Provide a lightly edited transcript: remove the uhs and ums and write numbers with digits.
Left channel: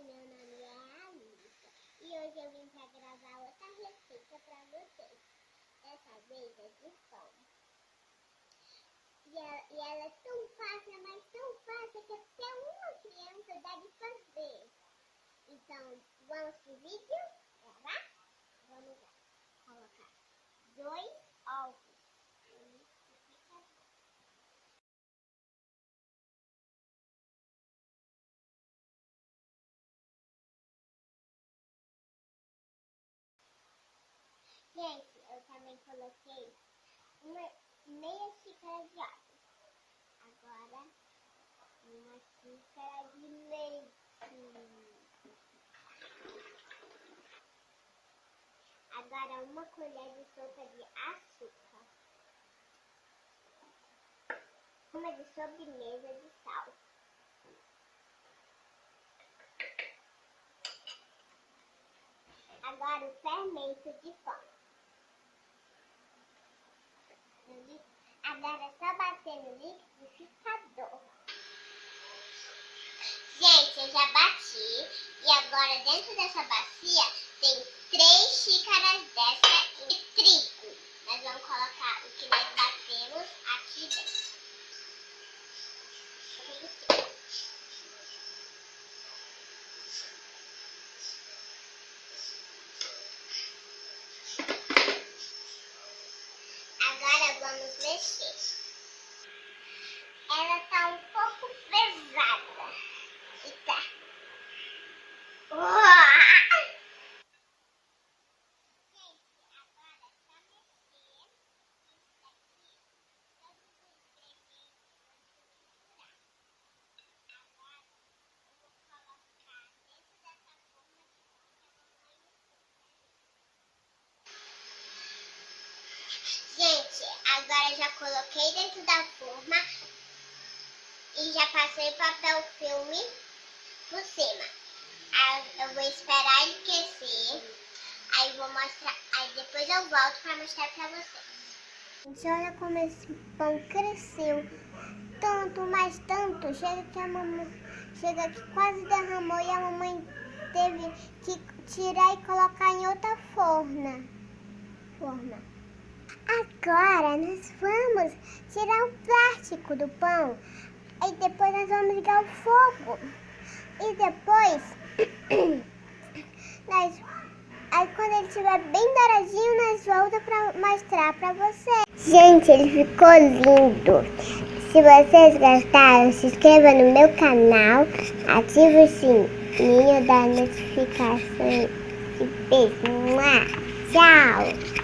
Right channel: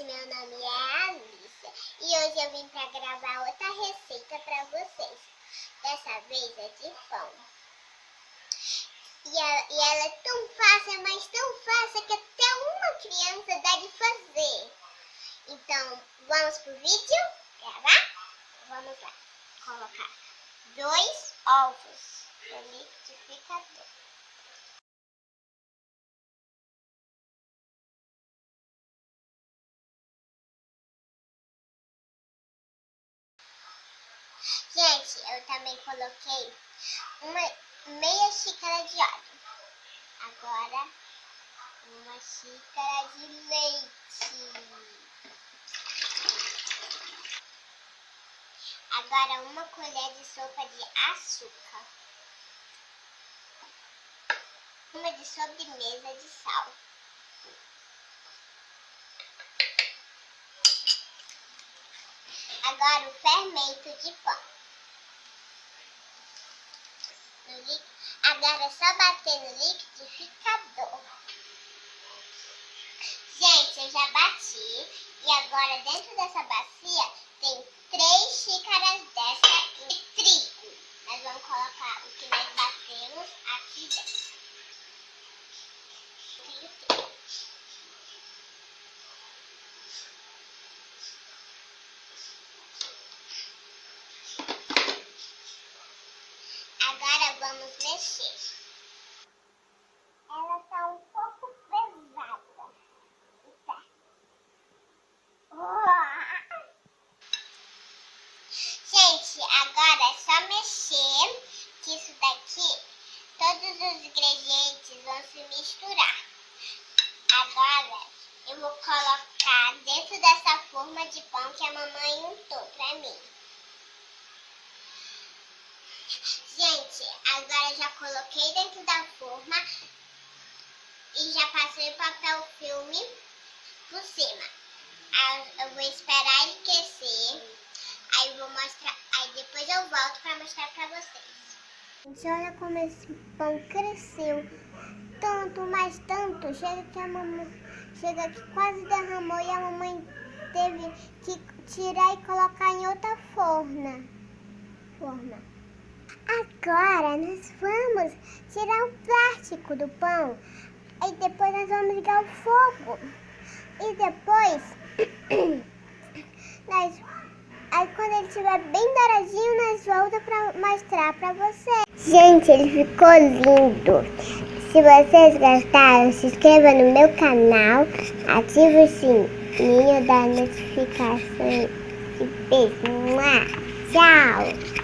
Gente, meu nome é Alícia e hoje eu vim para gravar outra receita para vocês. Dessa vez é de pão. E ela é tão fácil, mas tão fácil que até uma criança dá de fazer. Então, vamos pro vídeo? Gravar? Vamos lá. Colocar 2 ovos no liquidificador. Gente, eu também coloquei meia xícara de óleo. Agora, uma xícara de leite. Agora, uma colher de sopa de açúcar. Uma de sobremesa de sal. Agora, o fermento de pão. Agora é só bater no liquidificador. Gente, eu já bati e agora dentro dessa bacia tem 3 xícaras dessa de trigo. Nós vamos colocar o que nós batemos aqui dentro. Agora vamos mexer. Ela tá um pouco pesada. E tá. Gente, agora é só mexer, que isso daqui, todos os ingredientes vão se misturar. Agora eu vou colocar dentro dessa forma de pão que a mamãe untou pra mim. Gente, agora eu já coloquei dentro da forma e já passei o papel filme por cima. Eu vou esperar ele aquecer, aí vou mostrar, aí depois eu volto para mostrar para vocês. Gente, olha como esse pão cresceu, tanto, mas tanto, chega que quase derramou e a mamãe teve que tirar e colocar em outra forma. Agora nós vamos tirar o plástico do pão e depois nós vamos ligar o fogo. E depois, aí quando ele estiver bem douradinho, nós voltamos para mostrar para vocês. Gente, ele ficou lindo. Se vocês gostaram, se inscreva no meu canal, ative o sininho da notificação. E beijo. Tchau!